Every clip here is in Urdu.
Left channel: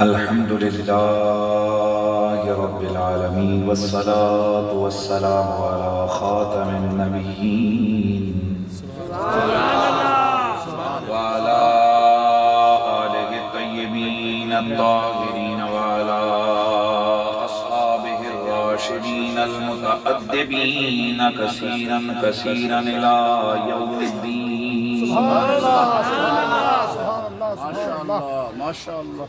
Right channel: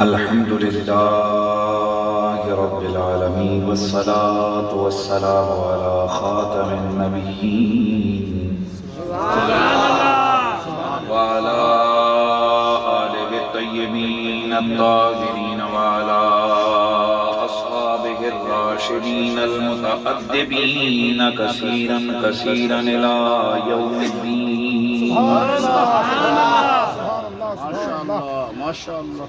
الحمد لله رب العالمين والصلاة والسلام على خاتم النبيين وعلى آله الطيبين الطاهرين وعلى أصحابه الراشدين المتأدبين كثيرا كثيرا إلى يوم الدين. ما شاء الله.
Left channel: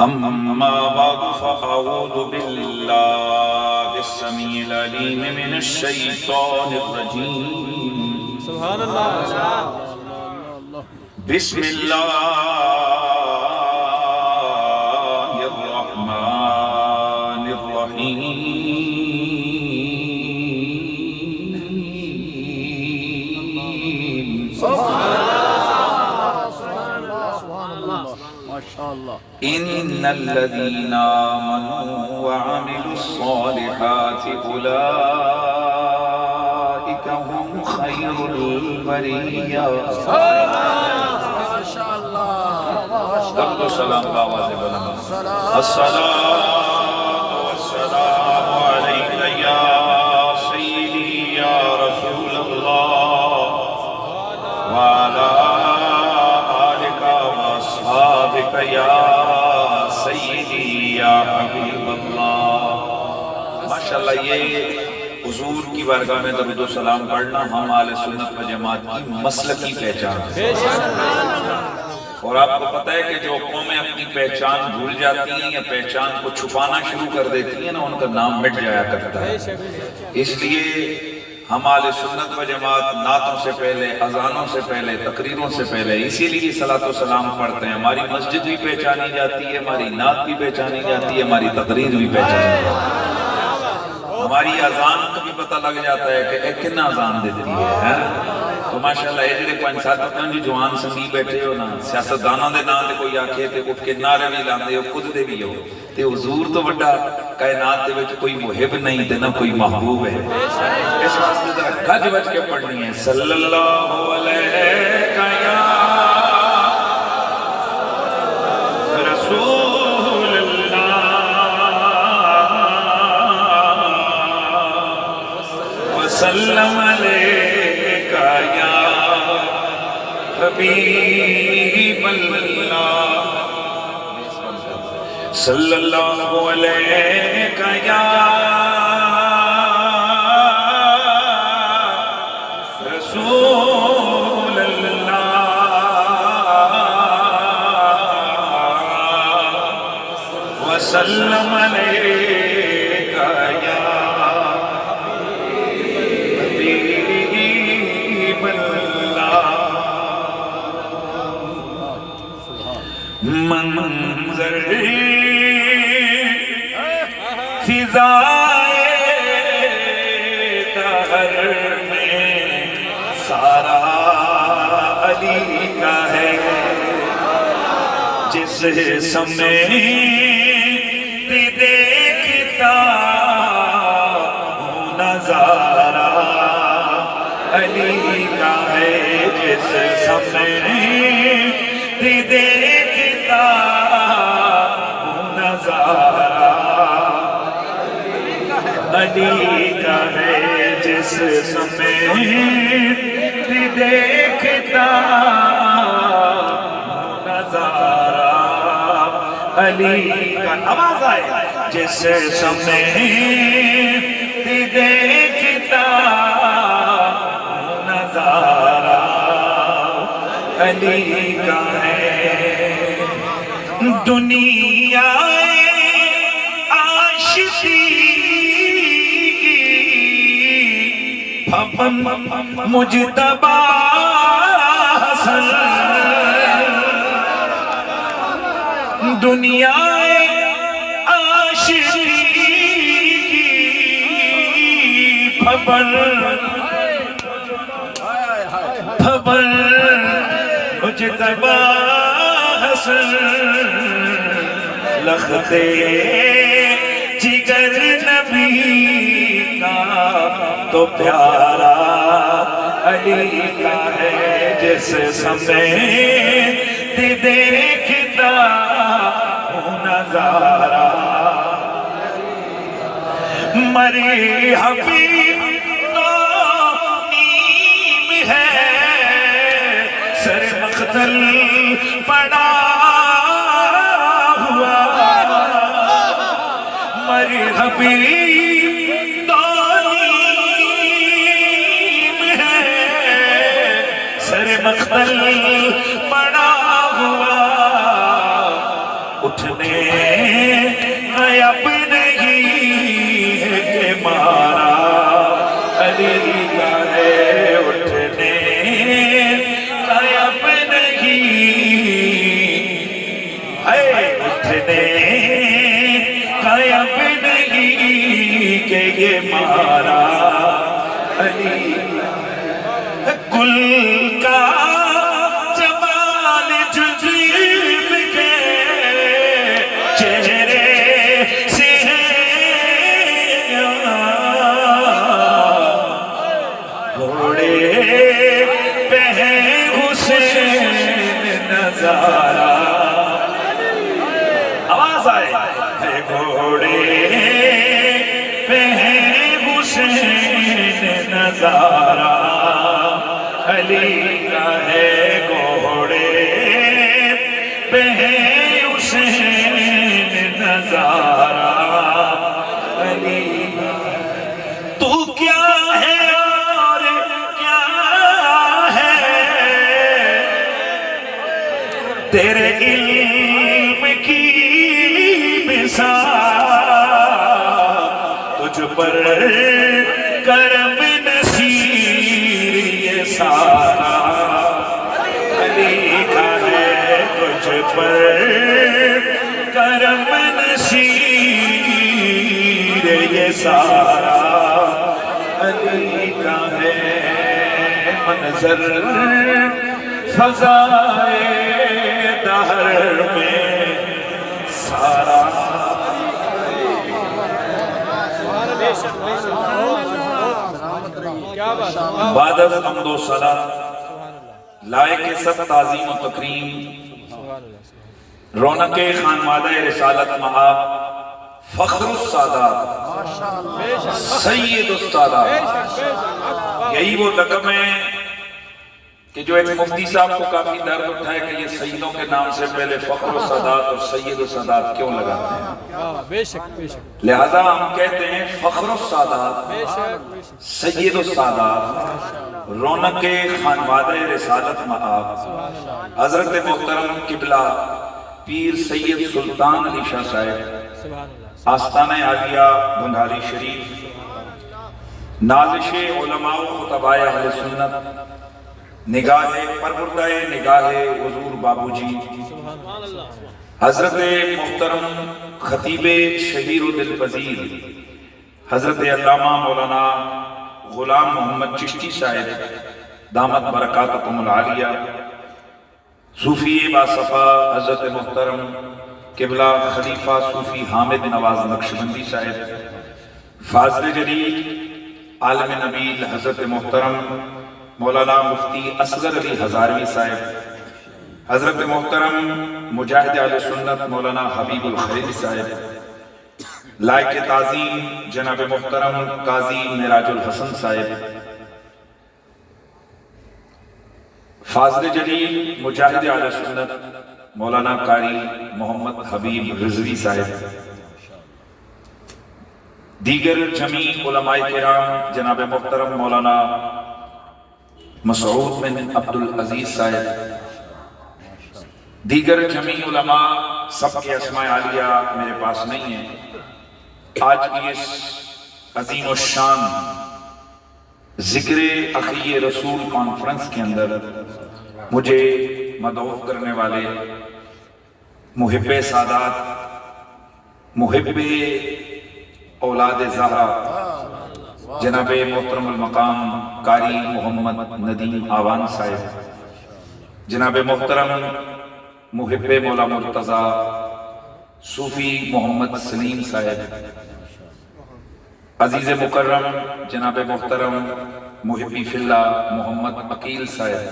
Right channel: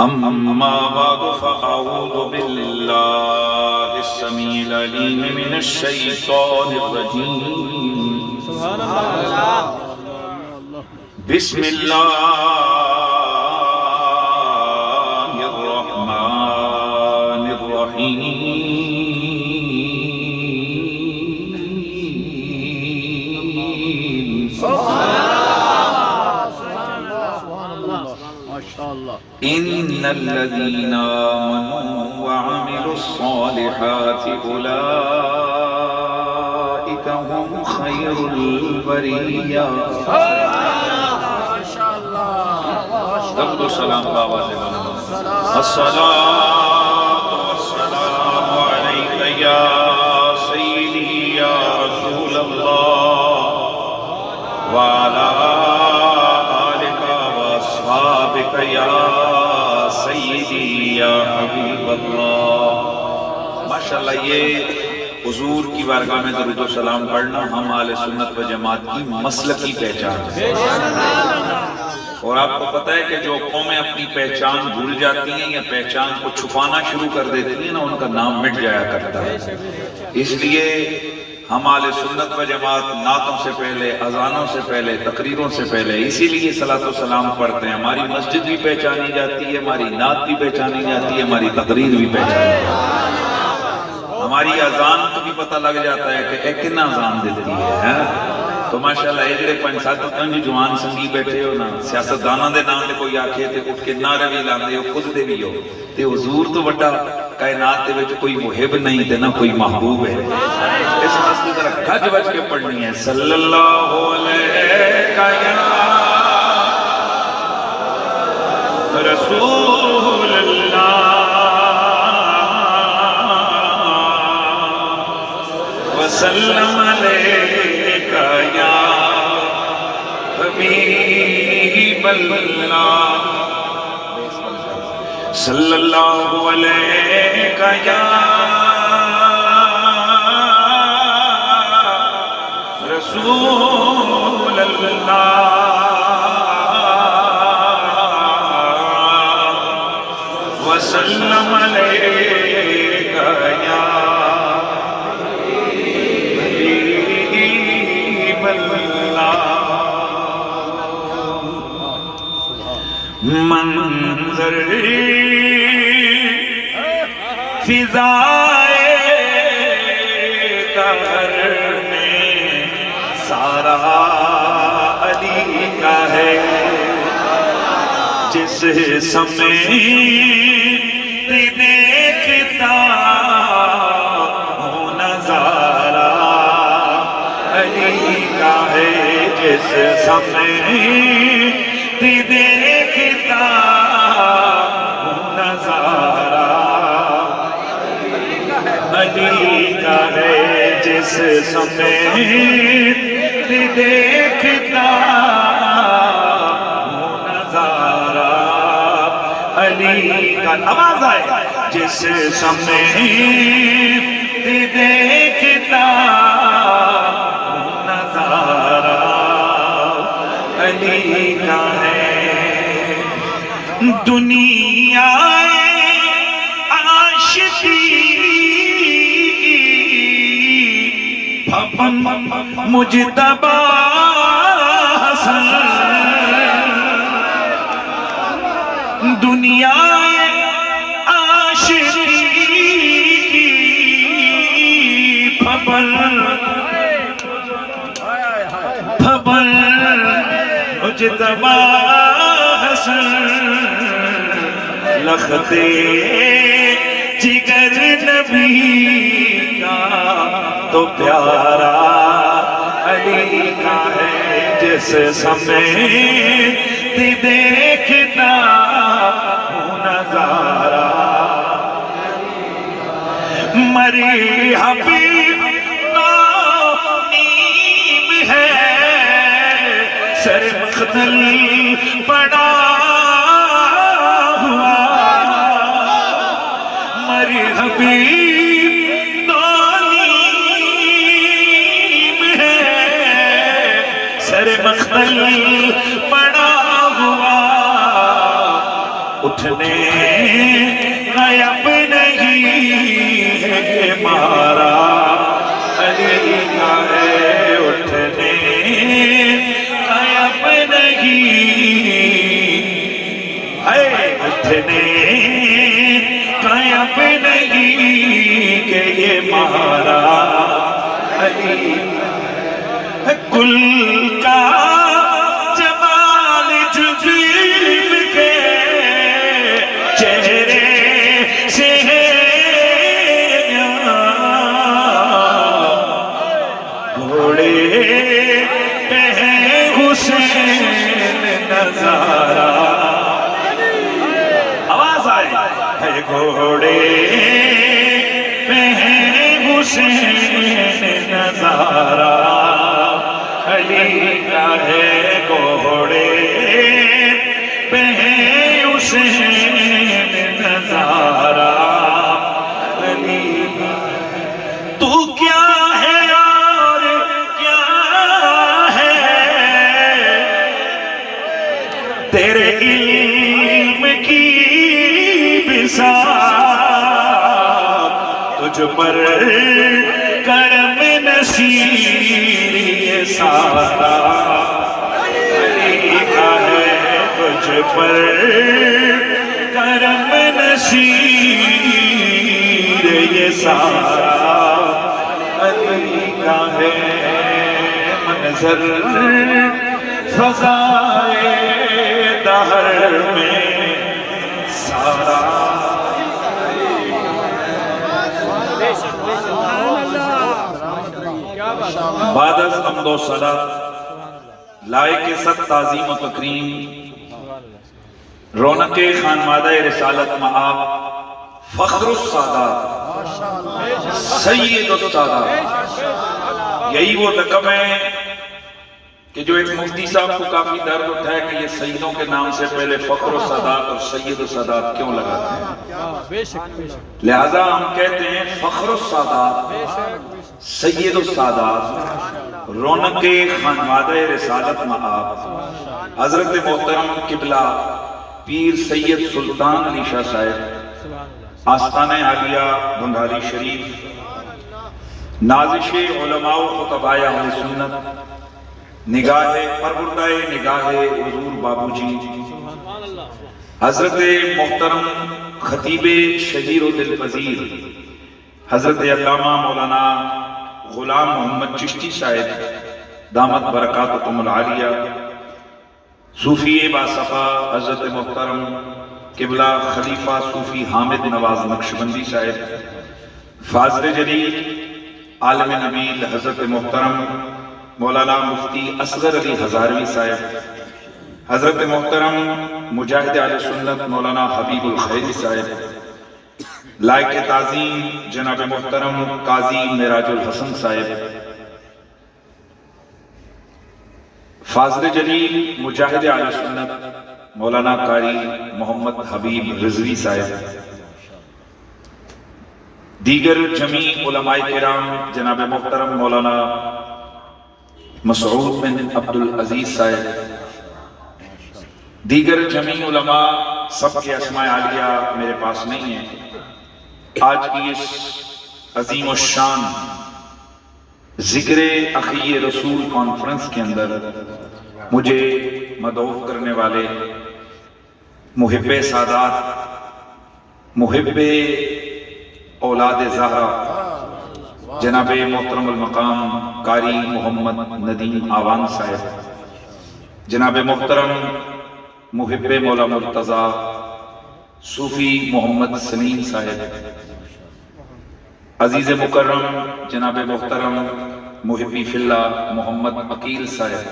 أما بعد فأعوذ بالله السميع العليم من الشيطان الرجيم. سبحان الله. بسم الله الرحمن الرحيم. إن الذين آمنوا وعملوا الصالحات أولئك هم خير البرية. ما شاء الله. درود و سلام باواز بلند. الصلاة والسلام عليك يا سيدي يا رسول الله وعلى آلك وأصحابك يا سیدی یا حبیب اللہ. ماشاءاللہ یہ حضور کی بارگاہ میں درود و سلام پڑھنا ہم اہل سنت و جماعت کی مسلکی پہچان ہے. اور آپ کو پتہ ہے کہ جو قومیں اپنی پہچان بھول جاتی ہیں یا پہچان کو چھپانا شروع کر دیتی ہیں نا، ان کا نام مٹ جایا کرتا ہے. اس لیے ہم اہل سنت و جماعت نعتوں سے پہلے، اذانوں سے پہلے، تقریروں سے پہلے اسی لیے صلاۃ و سلام پڑھتے ہیں. ہماری مسجد بھی پہچانی جاتی ہے، ہماری نعت بھی پہچانی جاتی ہے، ہماری تقریر بھی پہچانی جاتی ہے. ہماری اذان کو بھی پتہ لگ جاتا ہے کہ ایک کنا اذان دیتی ہے. تو ماشاءاللہ یہ جڑے 5-7 جی جوان سنگی بیٹھے ہو نا، سیاستداناں دے نام دے کوئی آکھے تے اٹھ کے نعرے بھی لاندے ہو، خود دے بھی ہو تے حضور تو بڑا کائنات دے وچ کوئی محب نہیں تے نہ کوئی محبوب ہے. اس واسطے ذرا گھج بج کے پڑھنی ہے. صلی اللہ علیہ رسول اللہ وسلم علیک یا حبیب اللہ. صلی اللہ علیک یا رسول اللہ وسلم علیک یا حبیب اللہ. منظر فضائے قہر میں سارا علی کا ہے. جس سمیت دیکھتا ہوں نظارہ علی کا ہے. جس سمیت دیکھتا ہوں نظارہ علی کا ہے. جس سمیت دیکھتا ہوں نظارہ علی کا. آواز آئے. جس سمیت دیکھتا ہوں نظارہ علی کا ہے. دنیا عاشقی مجتبی حسن. دنیا عاشقی کی پھبل مجتبی حسن. لختے جگر نبی کا تو پیارا علی کا ہے. جس سمیت دیکھتا ہوں نظارہ مری حبیب نیم ہے سر مقتل پڑا ہوا مری حبیب نیم ہے سر مقتل پڑا ہوا اٹھنے غیب نہیں ہے کہ مارا علی کا ہے اٹھنے غیب نہیں ہے اٹھنے غیب نہیں کہ یہ مارا علی کل کا جمال جزیب کے چہرے سے گھوڑے پہ ہے حسین نظارہ آواز آئے ہے گھوڑے پہ ہے حسین نظارہ علی کا ہے گھوڑے پہ ہے حسین نظارہ علی تو کیا ہے اور کیا ہے تیرے علم کی بساط تجھ پر کرم نصیر یہ سارا علی کا ہے تجھ پر کرم نصیر یہ سارا علی کا ہے منظر فضائے دہر میں سارا بعد از حمد و صلاة لائق ست تعظیم و تکریم رونق خانوادہ رسالت مآب فخر السادات سید السادات یہی وہ لقب ہے کہ جو ایک مفتی صاحب کو کافی درد اٹھا ہے کہ یہ سیدوں کے نام سے پہلے فخر السادات اور سید السادات کیوں لگاتے ہیں لہذا ہم کہتے ہیں فخر السادات سید السادات رونق خانوادہ رسالت مآب حضرت محترم قبلہ پیر سید سلطان علی شاہ صاحب آستانہ عالیہ بنگالی شریف نازش علماء و خطباء اہل سنت نگاہ پروردہ نگاہ حضور بابو جی حضرت محترم خطیب شہیر و دل پذیر حضرت علامہ مولانا غلام محمد چشتی صاحب دامت برکاتکم العالیہ صوفی باصفا حضرت محترم قبلہ خلیفہ صوفی حامد نواز نقشبندی صاحب فاضل جلیل عالم نبیل حضرت محترم مولانا مفتی اصغر علی ہزاروی صاحب حضرت محترم مجاہد اہل سنت مولانا حبیب الخیر صاحب لائق تعظیم جناب محترم قاضی معراج الحسن صاحب فاضل جلیل مجاہد اہل سنت مولانا قاری محمد حبیب رضوی صاحب دیگر جمیع علماء کرام جناب محترم مولانا مسعود بن عبدالعزیز صاحب دیگر جمیع علماء سب کے اسماء عالیہ میرے پاس نہیں ہیں آج کی اس عظیم الشان ذکر اخی رسول کانفرنس کے اندر مجھے مدعو کرنے والے محب سادات محب اولاد زہرا جناب محترم المقام قاری محمد ندیم آوان صاحب جناب محترم محب مولا مرتضی صوفی محمد سلیم صاحب عزیز مکرم جناب محترم محبی فی اللہ محمد عقیل صاحب،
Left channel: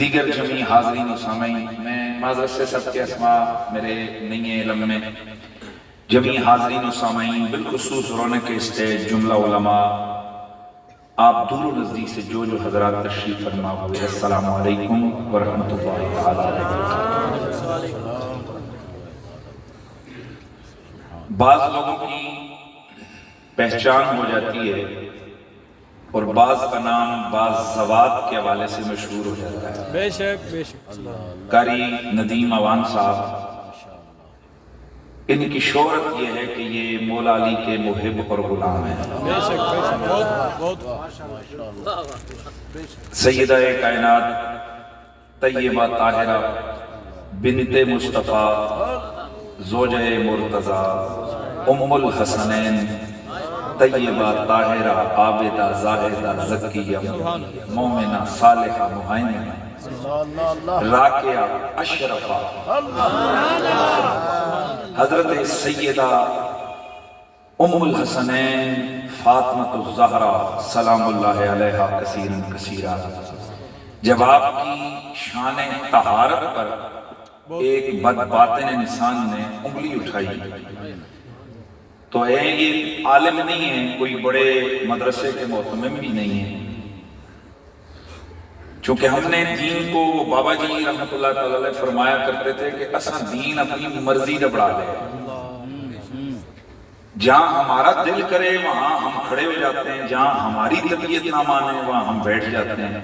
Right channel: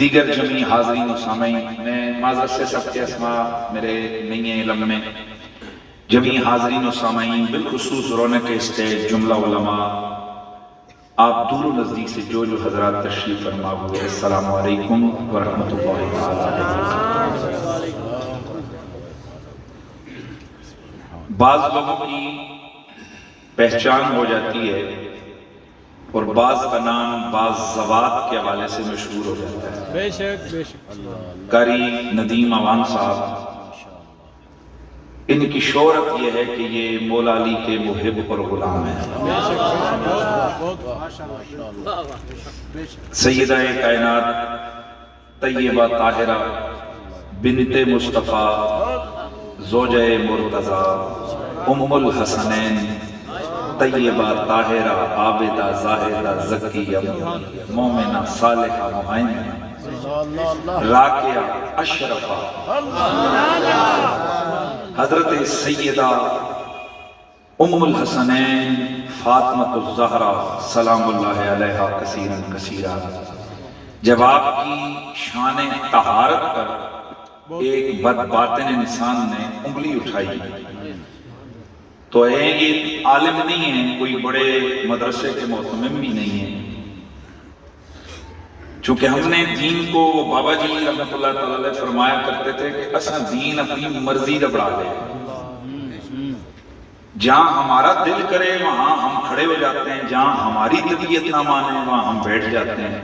دیگر جمعی حاضرین و سامعین، میں معذرت سے سب کے اسماء میرے نہیں ہیں علم میں، جمعی حاضرین و سامعین بالخصوص رونق اسٹیج جملہ علماء، آپ دور و نزدیک سے جو حضرات تشریف فرما ہوئے، السلام علیکم ورحمۃ اللہ وبرکاتہ۔ بعض لوگوں کی پہچان ہو جاتی ہے اور بعض کا نام بعض زوات کے حوالے سے مشہور ہو جاتا ہے۔ بے شک بے شک قاری ندیم عوان صاحب، ان کی شہرت یہ ہے کہ یہ مولا علی کے محب اور غلام ہیں۔ بے شک بے شک سیدہ کائنات طیبہ طاہرہ بنت مصطفیٰ زوجہ مرتضیٰ ام الحسنین طیبہ طاہرہ عابدہ زاہدہ زکیہ مومنہ صالحہ مہیمنہ راکعہ اشرفہ حضرت سیدہ ام الحسنین فاطمہ الزہرا سلام اللہ علیہا کثیراً کثیرا۔ جب آپ کی شان طہارت پر ایک بدباطن انسان نے انگلی اٹھائی تو یہ عالم نہیں ہے، کوئی بڑے مدرسے کے محتمم بھی نہیں ہے، چونکہ ہم نے دین کو، وہ بابا جی رحمت اللہ تعالی علیہ فرمایا کرتے تھے کہ اساں دین اپنی مرضی دا بڑھا لے، جہاں ہمارا دل کرے وہاں ہم کھڑے ہو جاتے ہیں، جہاں ہماری طبیعت نہ مانے وہاں ہم بیٹھ جاتے ہیں،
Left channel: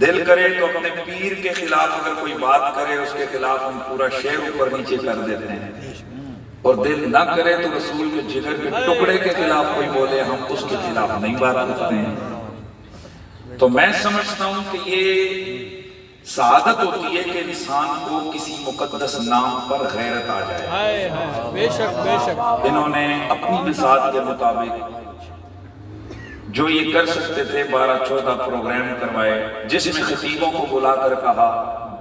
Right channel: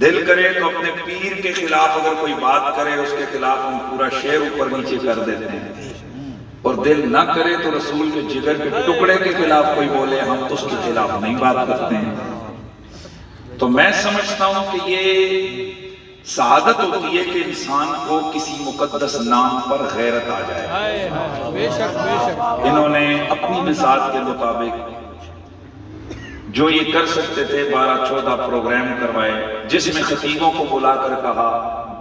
دل کرے تو اپنے پیر کے خلاف اگر کوئی بات کرے اس کے خلاف ہم پورا شعر اوپر نیچے کر دیتے ہیں، اور دل نہ کرے تو رسول کے جگر کے ٹکڑے کے خلاف کوئی بولے ہم اس کے خلاف نہیں بات کرتے ہیں۔ تو میں سمجھتا ہوں کہ یہ سعادت ہوتی ہے کہ انسان کو کسی مقدس نام پر غیرت آ جائے۔ بے شک بے شک انہوں نے اپنی بساط کے مطابق جو یہ کر سکتے تھے 12-14 پروگرام کروائے، جس میں خطیبوں کو بلا کر کہا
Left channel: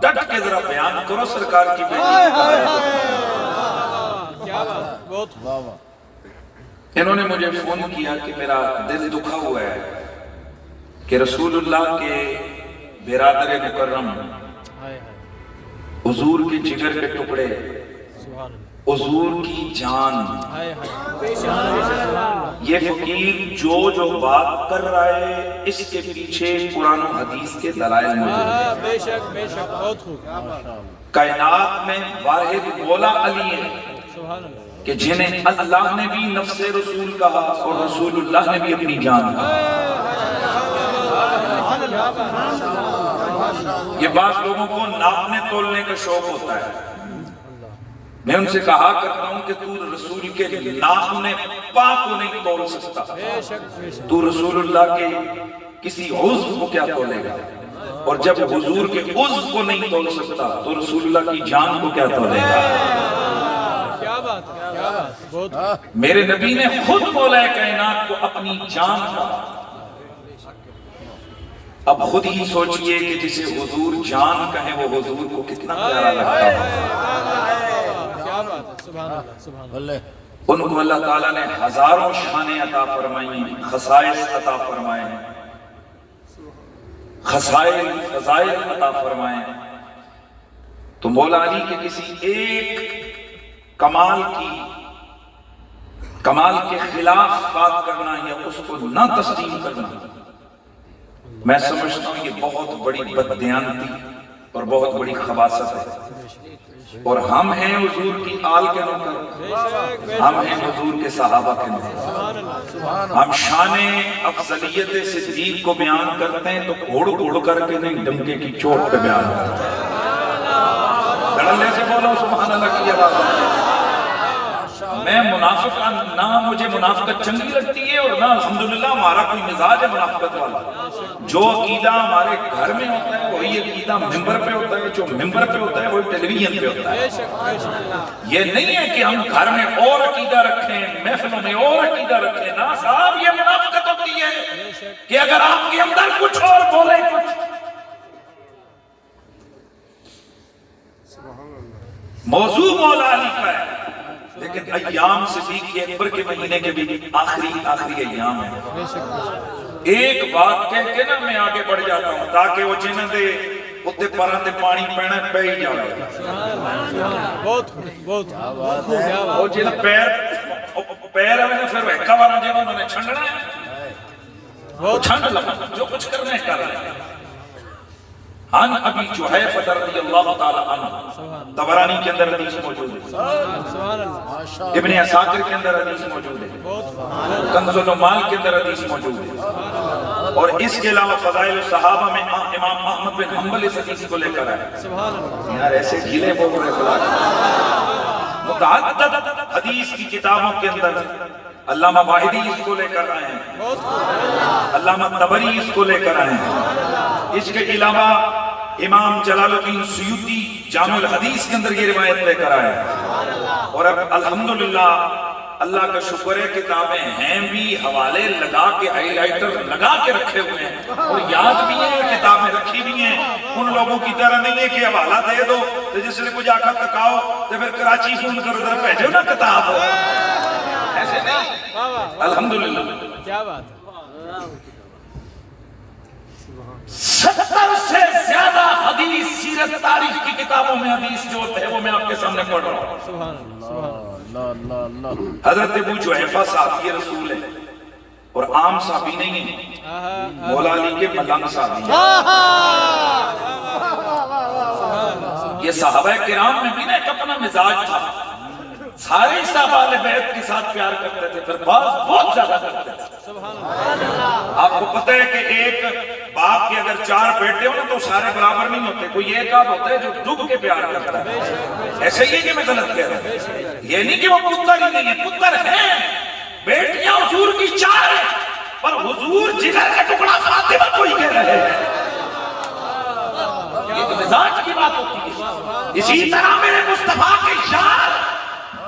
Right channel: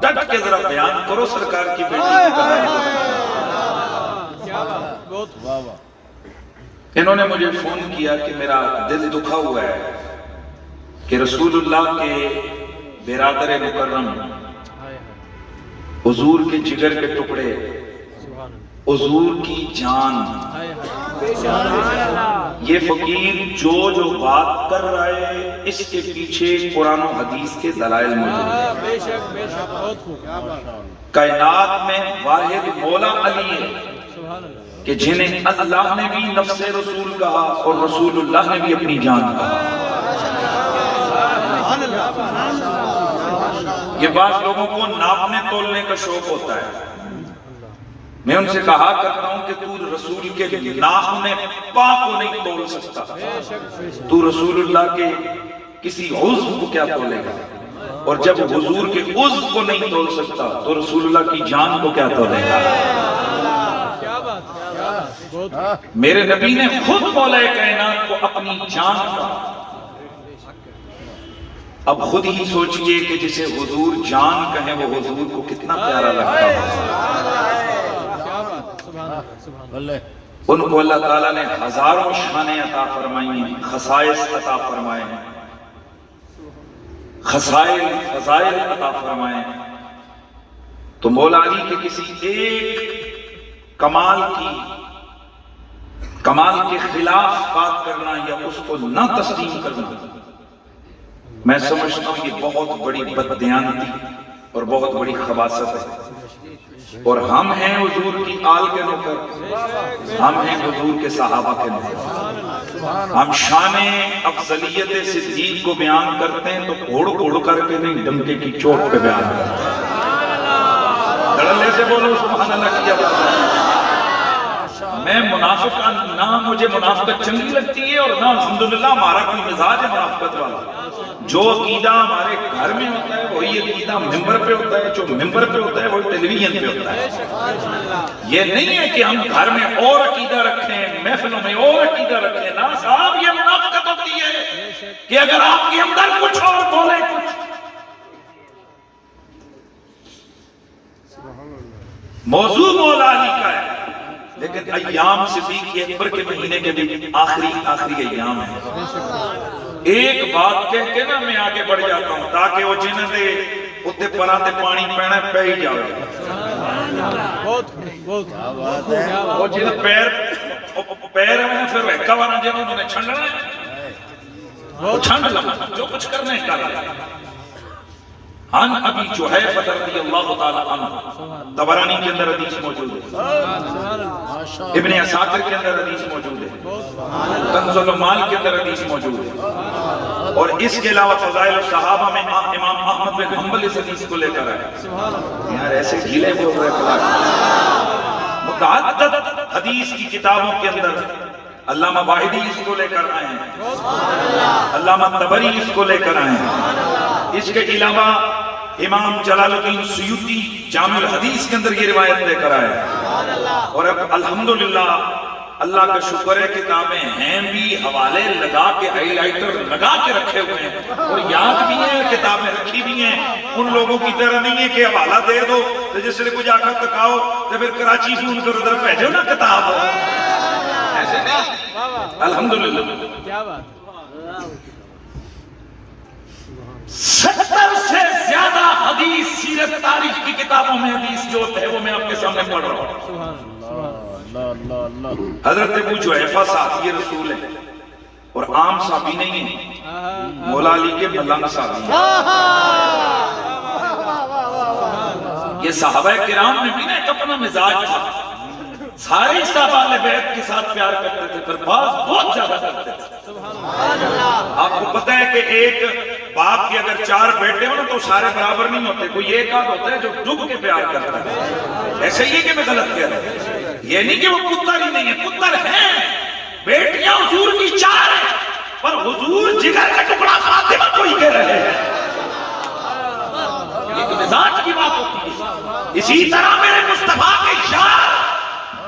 ڈٹ کے ذرا بیان کرو سرکار کی بیٹی کی کہانی۔ انہوں نے مجھے فون کیا کہ میرا دل دکھا ہوا ہے کہ رسول اللہ کے برادر مکرم حضور کے جگر کے ٹکڑے، حضور کی جان، یہ فقیر جو بات کر رہا ہے اس کے پیچھے قرآن و حدیث کے دلائل موجود ہیں۔ بے شک بے شک بہت خوب۔ کائنات میں واحد مولا علی ہے کہ جنہیں اللہ نے بھی نفس رسول کہا اور رسول اللہ نے بھی اپنی جان کہا۔ یہ بعض لوگوں کو ناپنے تولنے کا شوق ہوتا ہے، میں ان سے کہا کرتا ہوں کہ تو رسول کے ناخن پاک کو نہیں تول سکتا، تو رسول اللہ کے کسی عضو کو کیا تولے گا، اور جب حضور کے عضو کو نہیں تول سکتا تو رسول اللہ کی جان کو کیا تولے گا۔ میرے نبی نے خود مولا کائنات کو اپنی جان کہا۔ اب خود ہی سوچئے کہ جسے حضور جان کہیں وہ حضور کو کتنا پیارا لگتا ہو۔ ان کو اللہ تعالیٰ نے ہزاروں شانیں عطا فرمائی ہیں، خصائص عطا فرمائے ہیں، فضائل عطا فرمائے ہیں، تو مولا علی کے کسی ایک کمال کے خلاف بات کرنا یا اس کو نہ تسلیم کرنا، میں سمجھتا ہوں یہ بہت بڑی بددیانتی اور بہت بڑی خباثت ہے، اور ہم ہیں حضور کی آل کے نوکر، ہم ہیں حضور کے صحابہ کے نوکر، ہم شان افضلیت صدیق کو بیان کرتے ہیں تو گھوڑ کر کے نہیں، ڈنکے کی چوٹ پہ بیان کرتے ہیں۔ دھڑلے سے بولو سبحان اللہ کی آواز۔ میں منافق نہ مجھے منافقت چنگی لگتی ہے اور نہ الحمدللہ ہمارا کوئی مزاج ہے منافقت والا۔ جو عقیدہ ہمارے گھر میں ہوتا ہے وہی عقیدہ ممبر پہ ہوتا ہے، جو ممبر پہ ہوتا ہے وہی ٹیلی ویژن پہ ہوتا ہے۔ یہ نہیں ہے کہ ہم گھر میں اور عقیدہ رکھیں، محفلوں میں اور عقیدہ رکھیں، نہ صاحب یہ منافقت ہوتی ہے کہ اگر آپ کے اندر کچھ اور بولے کچھ۔ موضوع مولا علی کا ہے، لیکن ایام صدیق اکبر کے مہینے کے بھی آخری ایام ہیں. بے شک ایک بات کہہ کے نا میں آگے بڑھ جاتا ہوں تاکہ وہ جنہیں دے اتے پران دے پانی پینے پہ ہی جائے. بہت بہت وہ جنہیں پیر ہمیں پھر ویکا والا جنہوں انہوں نے چھنڈنا ہے وہ چھنڈ لگا جو کچھ کرنے کر رہے ہیں. عن ابی جحیفہ رضی اللہ تعالیٰ عنہ طبرانی کے اندر حدیث موجود ہے, ابن عساکر کے اندر حدیث موجود ہے, کنز العمال کے اندر حدیث موجود ہے, اور اس کے علاوہ فضائل الصحابہ میں امام احمد بن حنبل اس حدیث کو لے کر آئے. یار ایسے ڈھیلے بول رہے خدا کے متعدد حدیث کی کتابوں کے اندر علامہ واحدی اس کو لے کر آئے ہیں, علامہ طبری اس کو لے کر آئے ہیں. اس کے علاوہ امام جلال الدین سیوطی جامع الحدیث کے اندر یہ روایت لے کر آئے ہیں. اور اب الحمدللہ اللہ کا شکر ہے کتابیں ہیں بھی, حوالے لگا کے ہائی لائٹر لگا کے رکھے ہوئے ہیں اور یاد بھی ہیں, کتابیں رکھی بھی ہیں. ان لوگوں کی طرح نہیں ہے کہ حوالہ دے دو تو جس سے کچھ آخر تکاؤ تو پھر کراچی فون کر ادھر بھیجو نا کتاب, ایسے نہیں. الحمدللہ کیا بات 70 سے زیادہ حدیث سیرت تاریخ کی کتابوں میں حدیث جو ہے وہ میں آپ کے سامنے پڑھ رہا ہوں. حضرت ابو جحیفہ صحابی رسول ہے اور عام صحابی نہیں ہے, مولا علی کے ملنگ صحابی ہیں. یہ صحابہ کرام میں بھی نا ایک اپنا مزاج تھا, سارے صحابہ اہل بیت کے ساتھ پیار کرتے تھے, پھر بعض بہت زیادہ کرتے تھے. آپ کو پتہ ہے کہ ایک باپ کے اگر 4 بیٹے ہو نا تو سارے برابر نہیں ہوتے, کوئی ایک آدھ ہوتا ہے جو ڈب کے پیار کرتا ہے. ایسا ہی ہے کہ میں غلط کہہ رہا ہوں, یہ نہیں کہ وہ پتر ہی نہیں ہے, پتر ہیں, بیٹیاں حضور کی 4 ہیں, پر حضور جگر کا ٹکڑا فاطمہ کو ہی کہہ رہے ہیں. ایک مزاج کی بات ہوتی ہے. اسی طرح میرے مصطفیٰ کے یار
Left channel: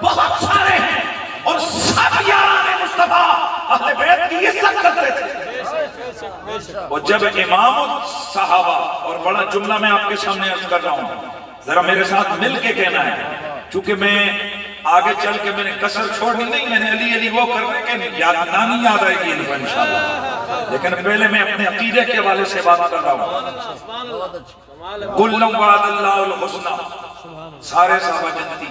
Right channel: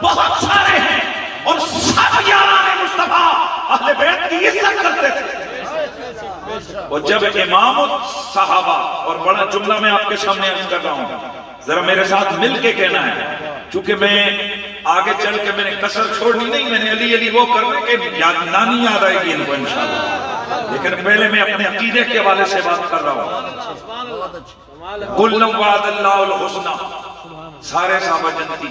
بہت سارے ہیں اور سب یاران مصطفیٰ اہل بیت کی عزت کرتے تھے. اور جب امام صحابہ, اور بڑا جملہ میں آپ کے سامنے عرض کر رہا ہوں, ذرا میرے ساتھ مل کے کہنا ہے, چونکہ میں آگے چل کے میں نے کسر چھوڑنی نہیں, میں نے علی علی وہ کرنے کے نانی یاد آئے گی ان کو انشاءاللہ, لیکن پہلے میں اپنے عقیدے کے حوالے سے بات کر رہا ہوں. قُلْ وَعَدَ اللَّهُ الْحُسْنَى, سارے صحابہ جنتی.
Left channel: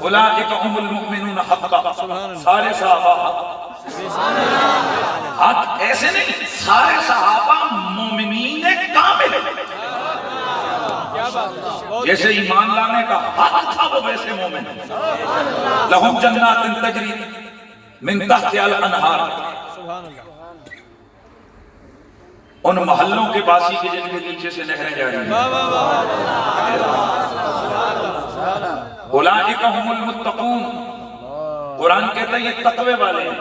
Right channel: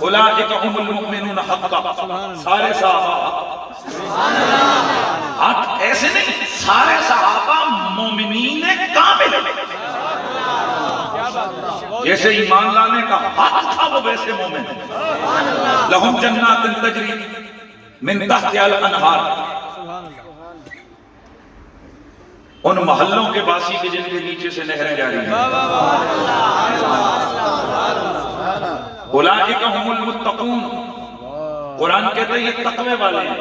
اولئک هم المؤمنون حقا, سارے صحابہ حق ایسے نہیں, سارے صحابہ مومنین کامل, جیسے ایمان لانے کا حق تھا وہ ویسے مومن. لہم جنات تجری من تحتها الانہار, ان محلوں کے باسی کے جن کے نیچے سے نہریں جاری ہیں. اولئک هم المتقون, قرآن کہتا ہے یہ تقوی والے ہیں.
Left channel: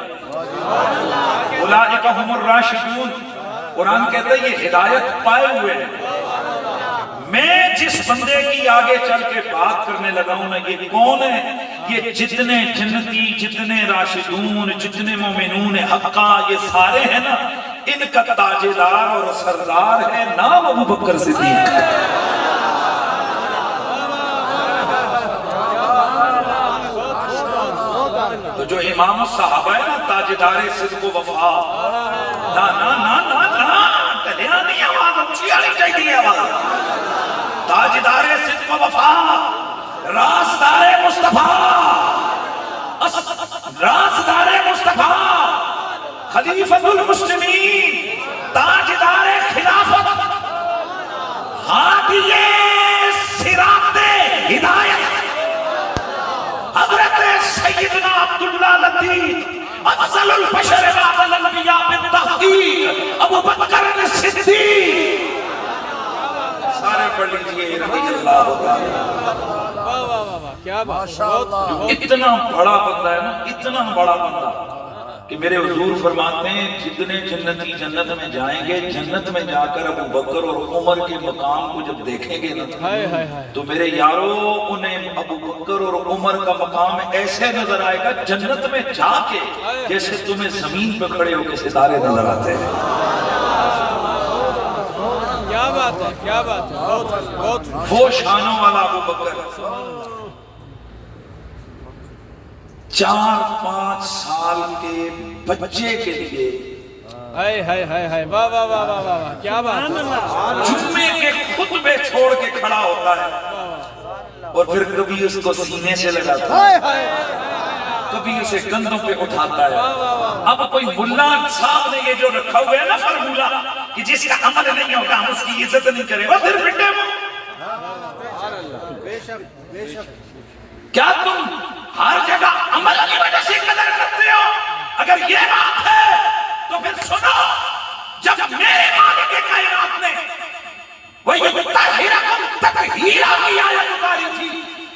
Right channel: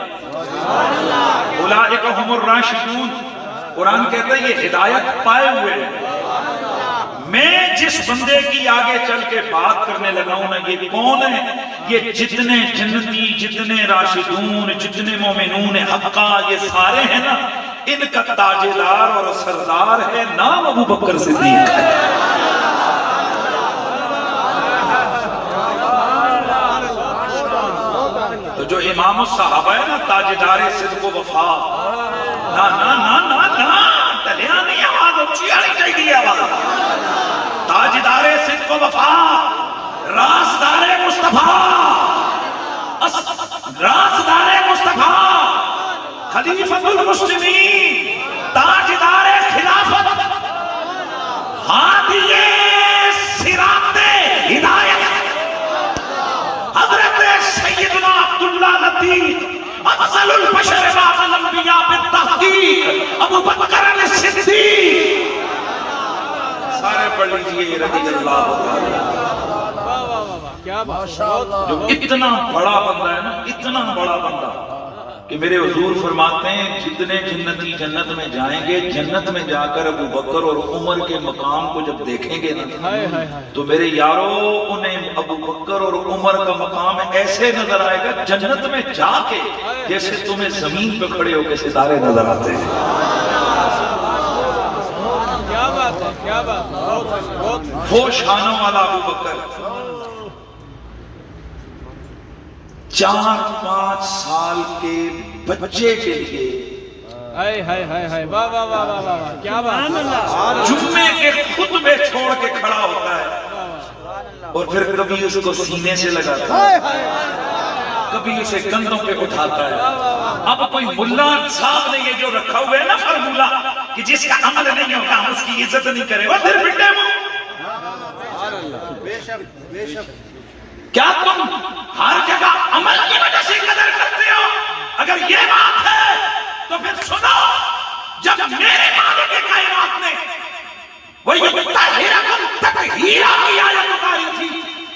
اولئک هم الراشدون, قرآن کہتا ہے یہ ہدایت پائے ہوئے ہیں. میں جس بندے کی آگے چل کے بات کرنے لگا ہوں نا, یہ کون ہے؟ یہ جتنے جنتی, جتنے راشدون, جتنے مومنون حقا, یہ سارے ہیں نا, ان کا تاجدار اور سردار ہے نام ابو بکر صدیق. تو جو امام الصحابہ ہے نا, تاجدار صدق و وفا, نا نا نا نا نا تلیا نہیں, آواز اچھی آنی چاہیے آواز. تاجدار صدق و وفا, رازدار مصطفیٰ, رازدار مصطفیٰ, خلیفۃ المسلمین, تاجدار خلافت, ہادی صراط ہدایت, حضرت سیدنا عبداللہ لطیف, افضل البشر بعد الانبیاء بالتحقیق, ابو بکر صدیق. سارے پڑھ لیجئے رضی اللہ تعالیٰ. جو اتنا بڑا بندہ ہے نا, اتنا بڑا بندہ کہ میرے حضور فرماتے ہیں جتنے جنتی جنت میں جائیں گے, جنت میں جا کر ابو بکر اور عمر کے مقام کو جب دیکھیں گے نا, تو میرے یارو انہیں ابو بکر اور عمر کا مقام ایسے نظر آئے گا جنت میں جا کے جیسے تمہیں زمین پہ کھڑے ہو کے ستارے نظر آتے ہیں. کیا بات ہے, کیا بات ہے. وہ شانوں والا ابو بکر 4-5 سال کے بچے کے لیے واہ واہ واہ واہ کیا بات جمعے کے خطبے چھوڑ کے کھڑا ہوتا ہے اور پھر کبھی اس کو سینے سے لگاتا ہے، کبھی اسے کندھوں پہ اٹھاتا ہے۔ اب کوئی ملا صاحب نے یہ جو رکھا ہوا ہے نا فارمولا کہ جس کا عمل نہیں ہوگا ہم اس کی عزت نہیں کریں، وہ پھر بٹے وہ کیا تم ہر جگہ عمل کی وجہ سے قدر کرتے ہو؟ اگر یہ بات ہے تو پھر سنو، جب میرے مالک کائنات نے وَيُطَّهِرَكُمْ تَطْهِيرًا کی آیت اتاری تھی،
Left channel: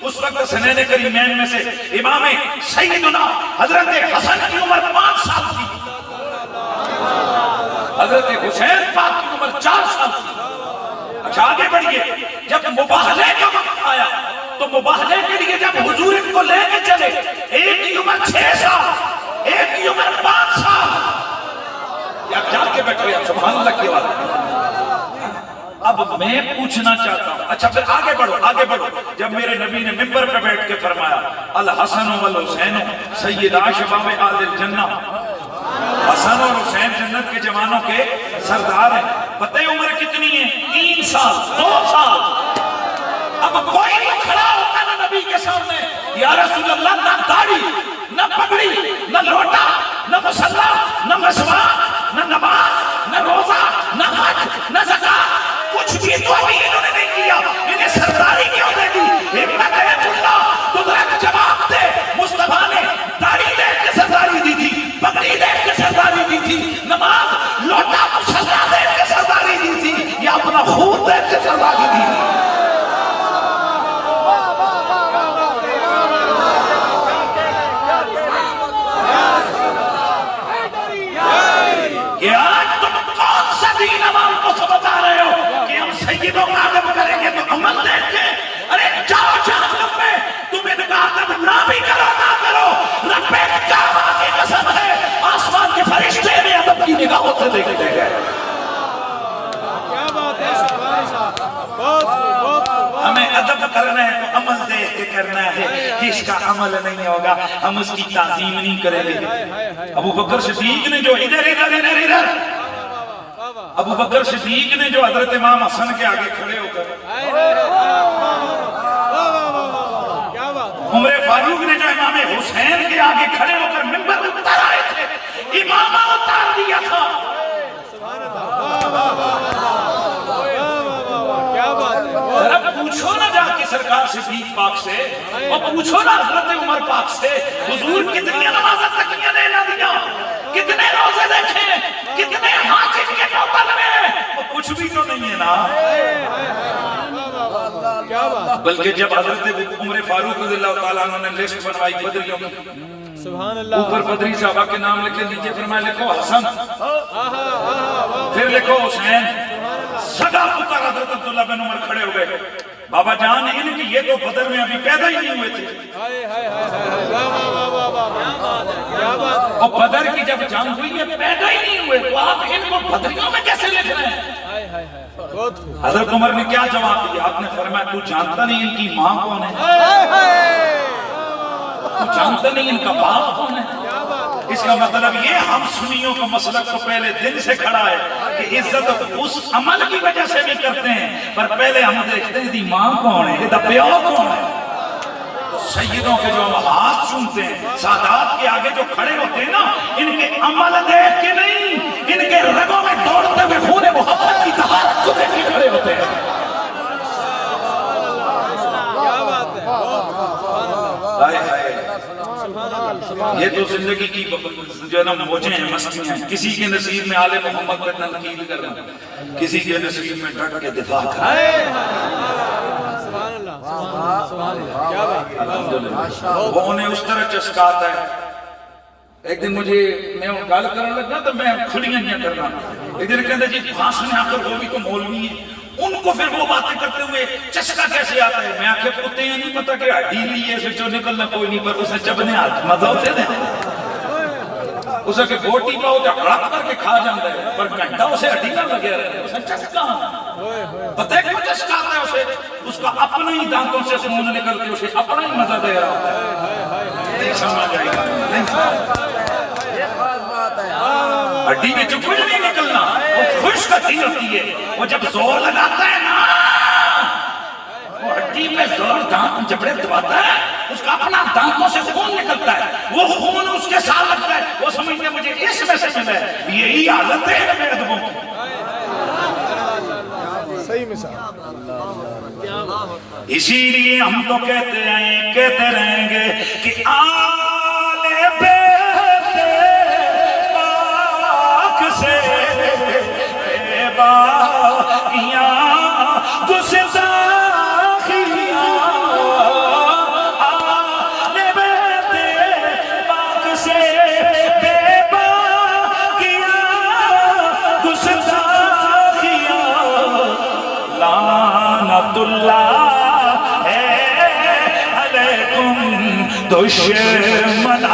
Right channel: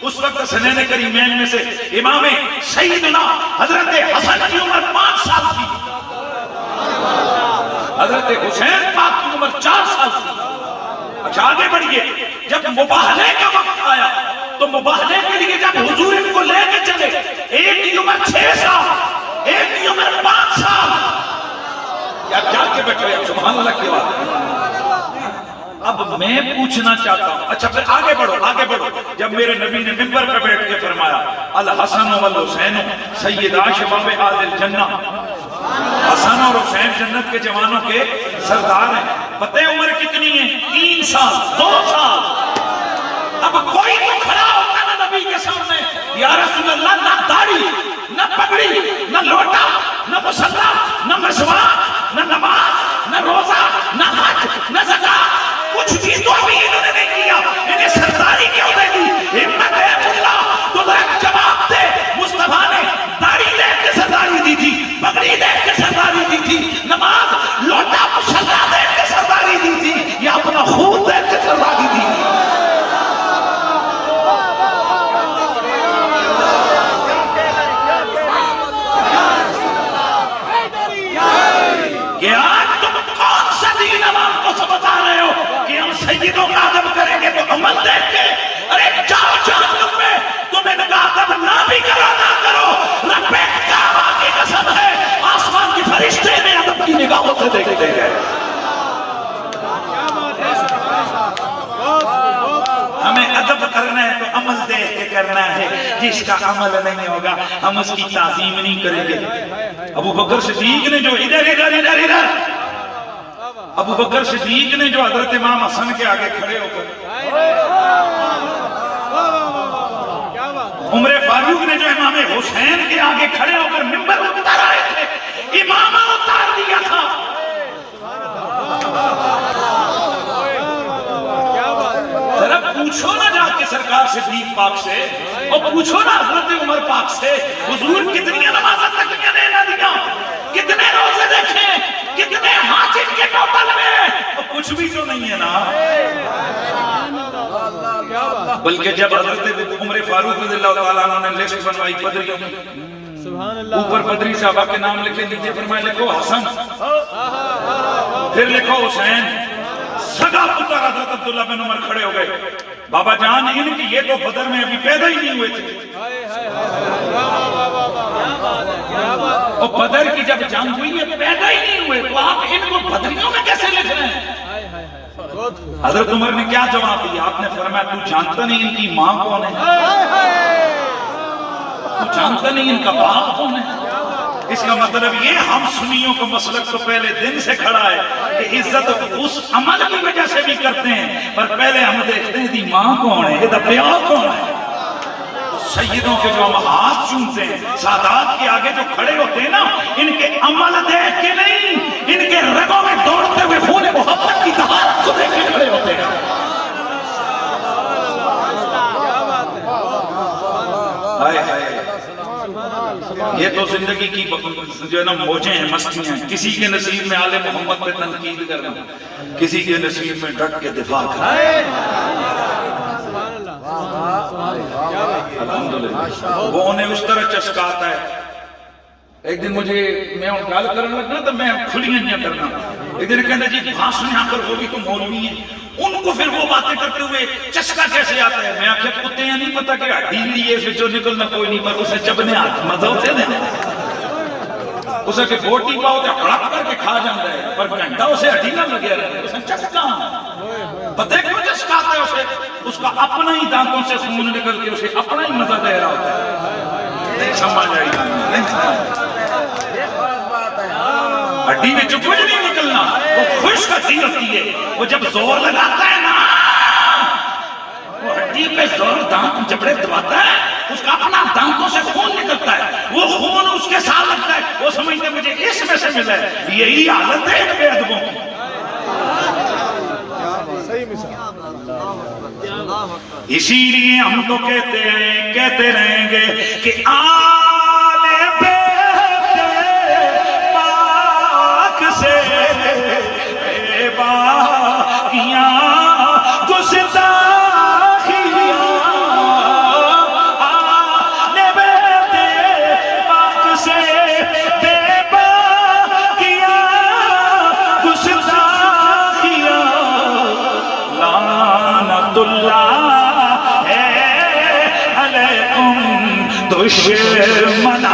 اس وقت سنین کریمین میں سے امام سیدنا حضرت حسن کی عمر 5 سال تھی، حضرت حسین پاک کی عمر 4 سال تھی۔ اچھا آگے بڑھئے، جب مباہلے کا وقت آیا تو مباہلے کے لیے جب حضور ان کو لے کے چلے، ایک کی عمر 6 سال، ایک کی عمر 5 سال، کیا کے بیٹھ رہے ہیں؟ سبحان اللہ کی بات۔ اب میں پوچھنا چاہتا ہوں، اچھا پھر آگے بڑھو آگے بڑھو، جب میرے نبی نے منبر پر بیٹھ کے فرمایا الحسن والحسین سیدا شباب آل الجنہ، حسن اور حسین جنت کے جوانوں کے سردار ہیں، پتہ عمر کتنی ہے؟ 3 سال 2 سال۔ اب کوئی تو کھڑا ہوتا نا نبی کے سامنے، یا رسول اللہ نہ داڑھی نہ پگڑی نہ لوٹا نہ مصلی نہ مسواک نہ نماز نہ روزہ نہ حج نہ زکات، کچھ بھی تو ابھی انہوں نے نہیں کیا، انہیں سرداری کیوں دے دی؟ ہمت ہے اللہ تو ذرا جواب دے۔ مصطفیٰ نے داڑھی دیکھ کے سرداری دی تھی، پگڑی دیکھ کے سرداری دی تھی، نماز لوٹا مصلی دیکھ کے سرداری دی تھی، یا اپنا خون دیکھ کے سرداری دی تھی؟ کہ آج تم کون سا دین عوام کو سمجھا رہے ہو کہ ہم سیدوں کا ادب کریں گے تو عمل دیکھ کے؟ ارے جاؤ جہنم میں، تم ان کا ادب نہ بھی کرو نہ کرو، رب کعبہ کی قسم ہے آسمان کے فرشتے میں ادب کی نگاہوں سے دیکھتے گئے۔ ہمیں ادب کرنا ہے تو عمل دیکھ کے کرنا ہے، جس کا عمل نہیں ہوگا ہم اس کی تعظیم نہیں کریں گے۔ ابو بکر صدیق نے جو ادھر ابو بکر صدیق نے جو حضرت امام حسن کے آگے کھڑے ہو کر، عمر فاروق نے جو امام حسین کے آگے کھڑے ہو کر منبر اتار آئے تھے، امامہ اتار دیا تھا۔ ذرا پوچھو نہ جا کے سرکار صدیق پاک سے، اور پوچھو نہ حضرت عمر پاک سے، حضور کتنی نمازت تک نہ دیا، کتنے روزے دیکھے، کتنے حاجت کے ٹوٹل میں، وہ کچھ بھی تو نہیں ہے نا۔ بلکہ جب حضرت عمر فاروق رضی اللہ تعالیٰ عنہ نے لسٹ بنوائی بدریوں میں، اوپر بدری صحابہ کے نام لکھے، نیچے فرمایا لکھو حسن، پھر لکھو حسین، سگا پتر حضرت عبداللہ بن عمر کھڑے ہو گئے، بابا جان ان کی یہ تو بدر میں ابھی پیدا ہی نہیں ہوئے تھے، اور بدر کی جب جنگ ہوئی یہ پیدا ہی نہیں ہوئے، تو آپ ان کو بدریوں میں کیسے لکھ رہے ہیں؟ حضرت عمر نے کیا جواب دیا؟ آپ نے فرمایا تو جانتا نہیں ان کی ماں کون ہے، تو جانتا نہیں ان کا باپ کون ہے؟ اس کا مطلب یہ ہم سنیوں کا مسلک تو پہلے دن سے کھڑا ہے کہ عزت اس عمل کی وجہ سے بھی کرتے ہیں، پر پہلے ہم دیکھتے ہیں دی ماں کون ہے، دی پیار کون ہے۔ سیدوں کے جو ہم ہاتھ چومتے ہیں، سادات کے آگے جو کھڑے ہوتے ہیں نا، ان کے عمل دیکھ کے نہیں، ان کے رگوں میں دوڑتے ہوئے خون محبت کی دھار کو دیکھ کے کھڑے ہوتے ہیں۔ یہ تو زندگی کی جو ہے نا موجیں ہیں، مستی ہیں، کسی کے نصیب میں آل محمد پر تنقید کرنا، کسی کے نصیب میں ڈٹ کے دفاع کرنا۔ الحمدللہ وہ انہیں اس طرح چسکاتا ہے۔ ایک دن مجھے میں گال کرنے لگنا تو میں کھلیاں نہیں کرنا، ایک دن کہتے جی بھاشن آ کر ہوگی تو مولوی ہے، ان کو پھر وہ باتیں کرتے ہوئے چسکا کیسے آتا ہے؟ میں آنکھیں کتے ہیں نہیں پتا کہ ہڈی لی ہے جو نکلنا کوئی نہیں، پر اسے جبنے آتا مزہ سے دیں اسے کہ بوٹی پاؤ تے ہڑپ کر کے کھا جاندا ہے پر گھنٹہ اسے ہڈی نہ لگیا رہے اسے چسکا پتہ کیوں چسکاتا ہے اسے اس کا اپنا ہی دانتوں سے خون نکل کے اسے اپنا ہی مزہ دے رہا ہوتا ہے نہیں سمجھ آئی نہیں سمجھ ہڈی میں جو کچھ نہیں نکلنا وہ خشک ہڈی ہوتی ہے وہ جب زور لگاتا ہے نا وہ ہڈی پہ زور دانت جبڑے دباتا ہے اس کا اپنا دانتوں سے خون نکلتا ہے وہ خون اس کے ساتھ لگتا ہے وہ سمجھتے مجھے اس میں سے ملا ہے یہی حالت ہے بے ادبوں کی صحیح مثال اسی لیے ہم تو کہتے رہیں گے کہ آل بیت پاک سے بے باقیاں گستاخیاں آل بیت پاک سے بے باقیاں گستاخیاں لعنت اللہ دشمنان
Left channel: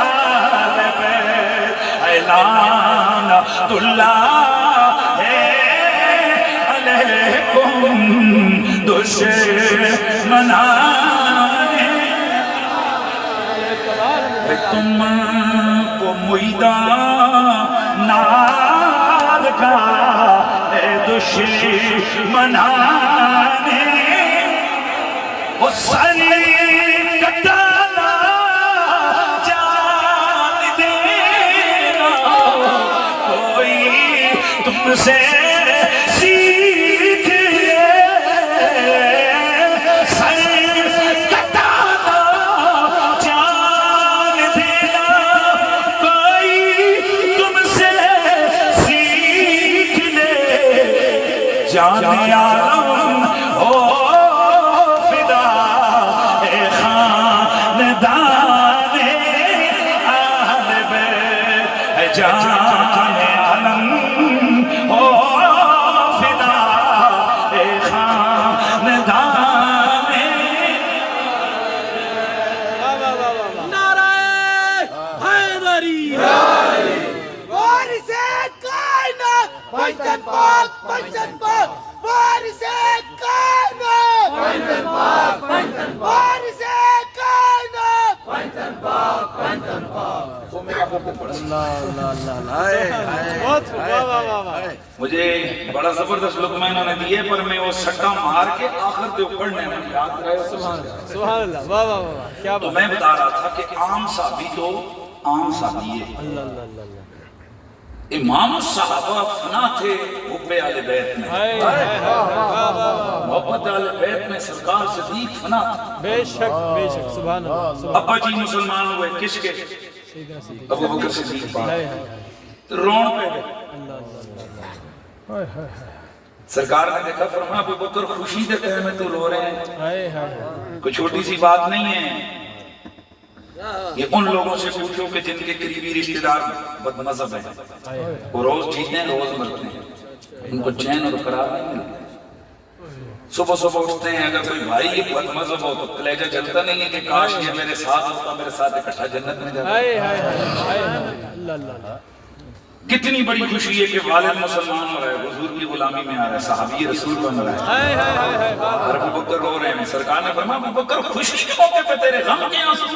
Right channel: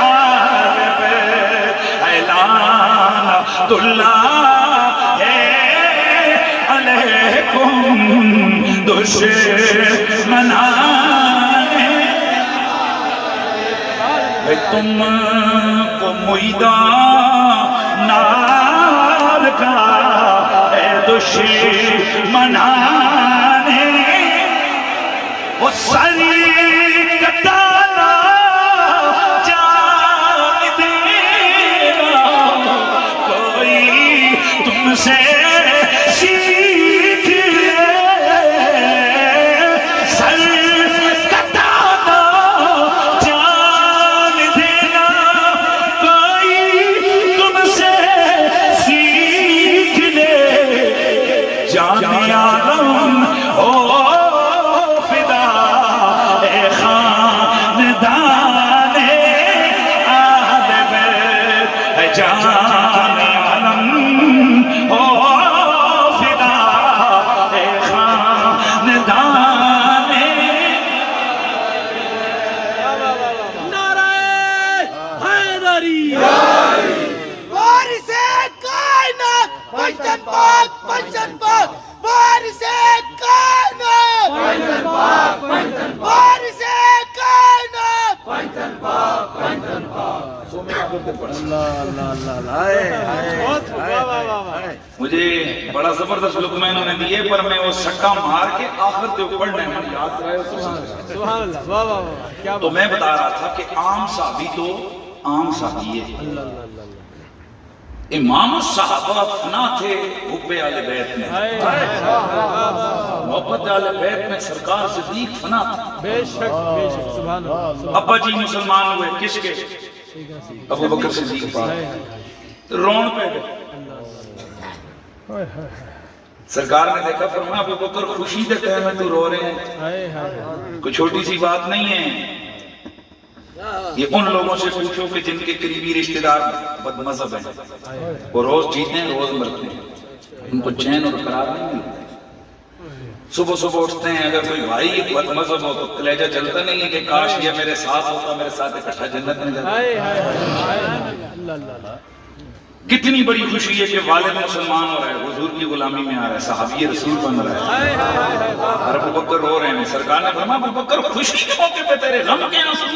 آل بیت لعنت اللہ علیکم دشمنان تم کو میدان نار کا دشمنان وہ سر کٹانا جان دینا کوئی تم سے سیکھ لے سر کٹانا جان دینا کوئی تم سے سیکھ لے جان عالم ہو مجھے بڑا زبردست لقمہ انہوں نے دیے پر میں وہ سٹا مار کے آخر دے پڑھنے میں یاد رہے تو میں بتا رہا تھا کہ عام صحابی تو عام صحابی ہے امام الصحابہ فنا تھے حب اہل بیت میں محبت اہل بیت میں سرکار صدیق فنا تھا بے شک سبحان اللہ ابا جی مسلمان ہوئے کس کے ابو بکر صدیق پاک رون پہ گئے سرکار نے دیکھا فرمایا ابو بکر خوشی دے ٹائم میں تو رو رہے ہیں کوئی چھوٹی سی بات نہیں ہے یہ ان لوگوں سے پوچھو کہ جن کے قریبی رشتہ دار بد مذہب ہیں وہ روز جیتے ہیں روز مرتے ہیں ان کو چین اور قرار نہیں ملتا صبح صبح اٹھتے ہیں اگر کوئی بھائی یہ بد مذہب ہو تو کلیجہ جلتا نہیں ہے کہ کاش یہ میرے ساتھ ہوتا میرے ساتھ اکٹھا جنت میں جاتا کتنی بڑی خوشی ہے کہ والد مسلمان ہو رہا ہے حضور کی غلامی میں آ رہا ہے صحابی رسول بن رہا ہے اور ابو بکر رو رہے ہیں سرکار نے فرمایا ابو بکر خوشی کے موقع پہ تیرے غم کے آنسو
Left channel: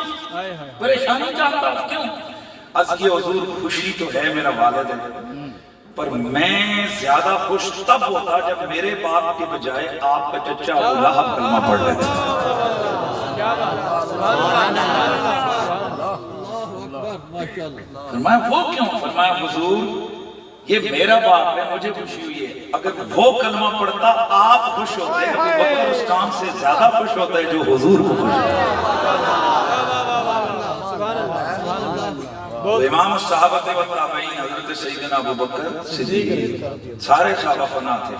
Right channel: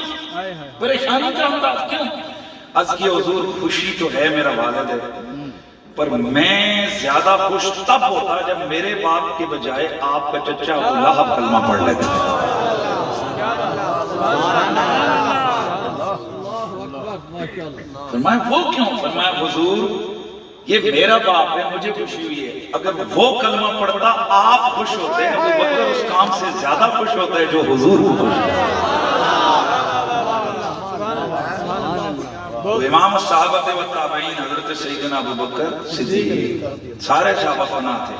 پریشانی کا انداز کیوں عرض کی حضور خوشی تو ہے میرا والد ہے پر میں زیادہ خوش تب ہوتا جب میرے باپ کے بجائے آپ کا چچا ابو لہب کلمہ پڑھ لیتے فرمایا وہ کیوں فرمایا حضور یہ میرا باپ ہے مجھے خوشی ہوئی ہے اگر وہ کلمہ پڑھتا آپ خوش ہوتے ہیں ابو بکر اس کام سے زیادہ خوش ہوتا ہے جو حضور کو خوش ہوتا ہے امام الصحابہ و تابعین حضرت سیدنا ابو بکر صدیق سارے صحابہ فنا تھے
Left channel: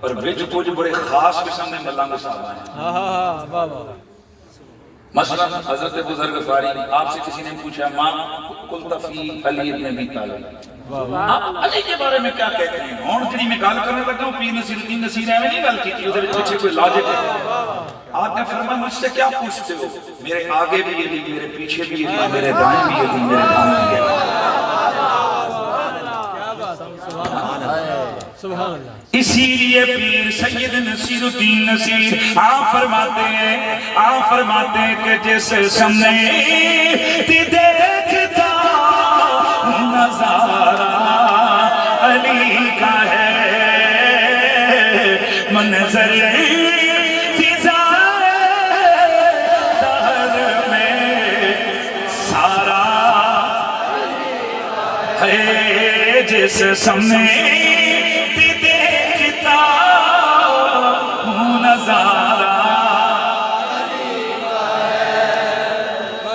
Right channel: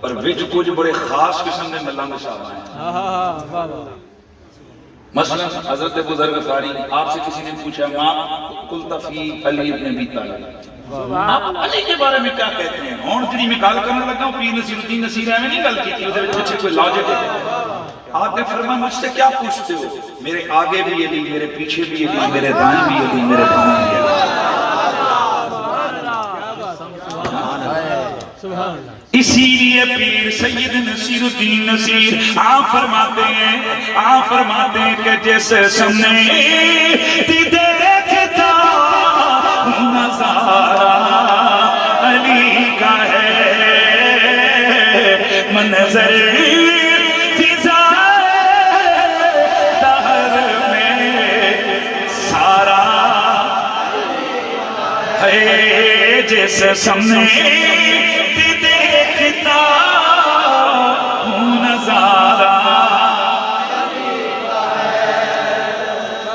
اور وچ کچھ بڑے خاص قسم دے ملنگ صحابہ ہیں مثلا حضرت ابو ذر غفاری آپ سے کسی نے پوچھا ماں قلت فی علی ابن ابی طالب آپ علی کے بارے میں کیا کہتے ہیں ہون کڑی میں گل کرنے لگا پیر نصیر الدین نصیر ہے میں نہیں گل کی تھی اس پیچھے کوئی لاجک ہے آپ نے فرمایا مجھ سے کیا پوچھتے ہو؟ میرے آگے بھی علی، میرے پیچھے بھی علی، میرے دائیں بھی علی، میرے بائیں بھی علی۔ اسی لیے پیر سید نصیر الدین نصیر آپ فرماتے ہیں کہ جس سامنے دیکھتا نظارہ علی کا ہے، منظر جس سامنے دیکھتا ہوں نظارہ۔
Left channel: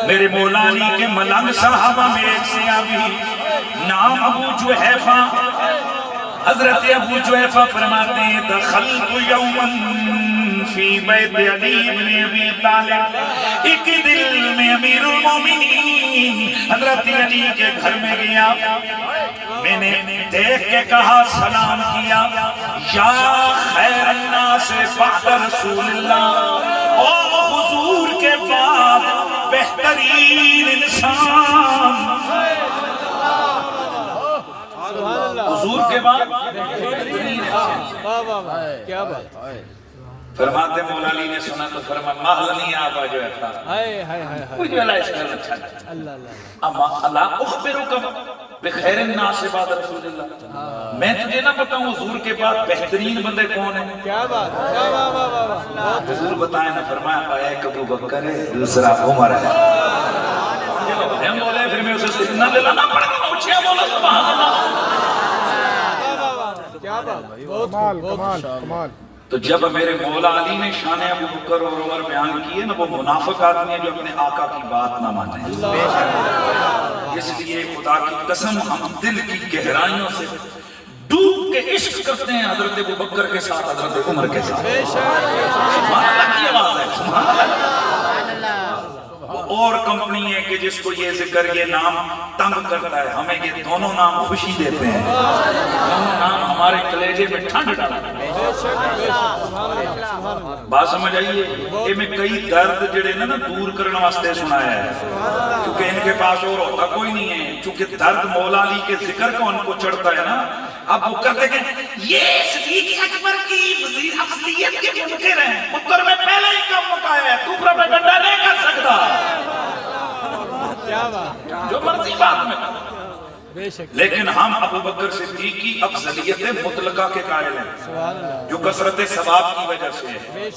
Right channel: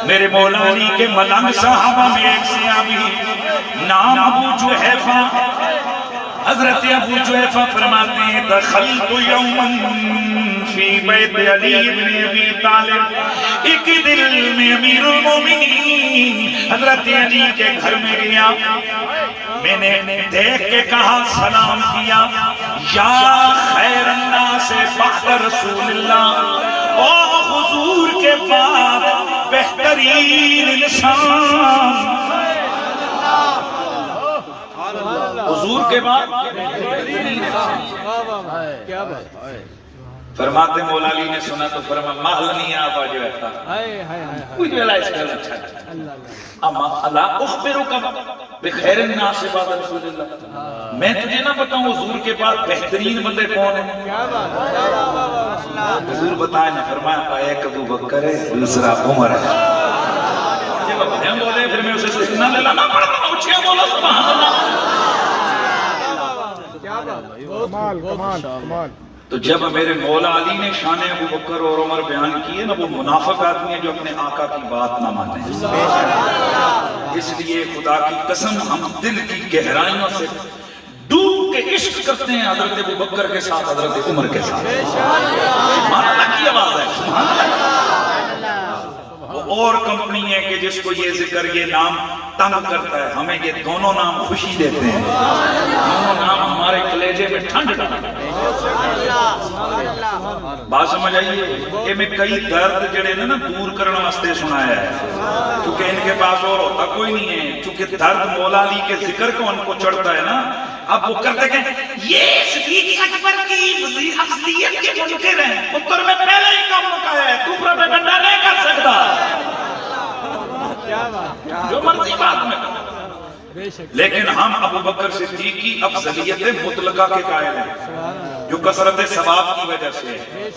میرے مولا علی کے ملنگ صحابہ میں ایک صحابی نام ابو جحیفہ، حضرت ابو جحیفہ فرماتے ہیں دخلت یوما فی بیت علی ابن ابی طالب، ایک دل میں امیر المومنین حضرت علی کے گھر میں گیا، میں نے دیکھ کے کہا، سلام کیا، یا خیر الناس بعد رسول اللہ، اور حضور کے بعد بہترین انسان، حضور کے بعد فرماتے مولا علی نے سنا تو فرما مہلنی آبا جو ہے کوئی جو اللہ اس کے اچھا اما اللہ اخبرکم بخیر الناس بعد رسول اللہ، میں تجھے نہ بتاؤں حضور کے بعد بہترین بندے کون ہیں؟ حضور بتائیں نہ، فرمایا ایک ابو بکر ہے، دوسرا عمر ہے۔ ہم بولے پھر میں اسے سننا لے لانا پڑا، اچھا بولا سبحان اللہ۔ تو جب میرے مولا علی نے شان ابو بکر اور عمر بیان کیے نا، وہ منافق آدمی ہے جو اپنے آقا کی بات نہ مانے۔ اس لیے خدا کی قسم ہم دل کی گہرائیوں سے ڈوب کے عشق کرتے ہیں حضرت ابو بکر کے ساتھ، حضرت عمر کے ساتھ۔ سبحان اللہ کی آواز ہے، سبحان اللہ۔ اور کمپنی ہے کہ جس کو یہ ذکر یہ نام تنگ کرتا ہے، ہمیں یہ دونوں نام خوشی دیتے ہیں، دونوں نام ہمارے کلیجے میں ٹھنڈ ڈالتے ہیں۔ بات سمجھ آئیے کہ میں کئی درد جڑے نا دور کرنے واسطے سنایا ہے، کیونکہ ان کے پاس اور ہوتا کوئی نہیں ہے، چونکہ درد مولا علی کے ذکر کو ان کو چڑھتا ہے نا، اب وہ کرتے کہ یہ صدیق اکبر کی افضلیت کے منکر ہیں، پتر میں پہلے ہی کم مکایا ہے، تو پروپیگنڈا نہیں کر سکتا، جو مرضی بات میں۔ لیکن ہم ابو بکر صدیق کی افضلیت مطلقہ کے قائل ہیں، جو کثرت ثواب کی وجہ سے ہے،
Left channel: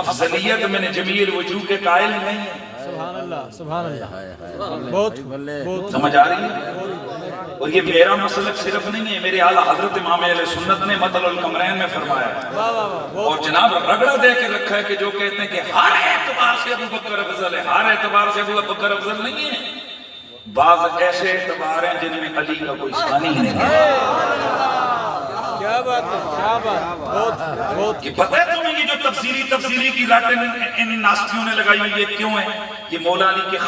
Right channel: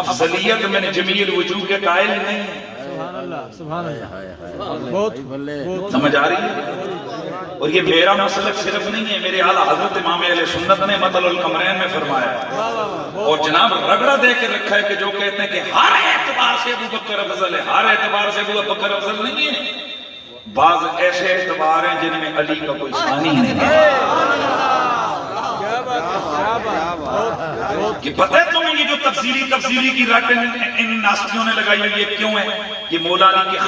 افضلیت میں نے جمیل وجوہ کے قائل نہیں ہے۔ سمجھ آ رہی ہے؟ اور یہ میرا مسلک صرف نہیں ہے، میرے اعلیٰ حضرت امام اہل سنت نے مطل القمرین میں فرمایا، اور جناب رگڑا دے کے رکھا ہے کہ جو کہتے ہیں کہ ہر اعتبار سے ابو بکر افضل ہے، ہر اعتبار سے ابو بکر افضل نہیں ہے، بعض ایسے اعتبار ہیں جن میں علی کا کوئی ثانی نہیں ہے۔ کہ پتہ ہے تمہیں یہ جو تفصیلی کی رٹ ان ناسکیوں نے لگائی ہوئی یہ کیوں ہے؟ یہ مولا علی کے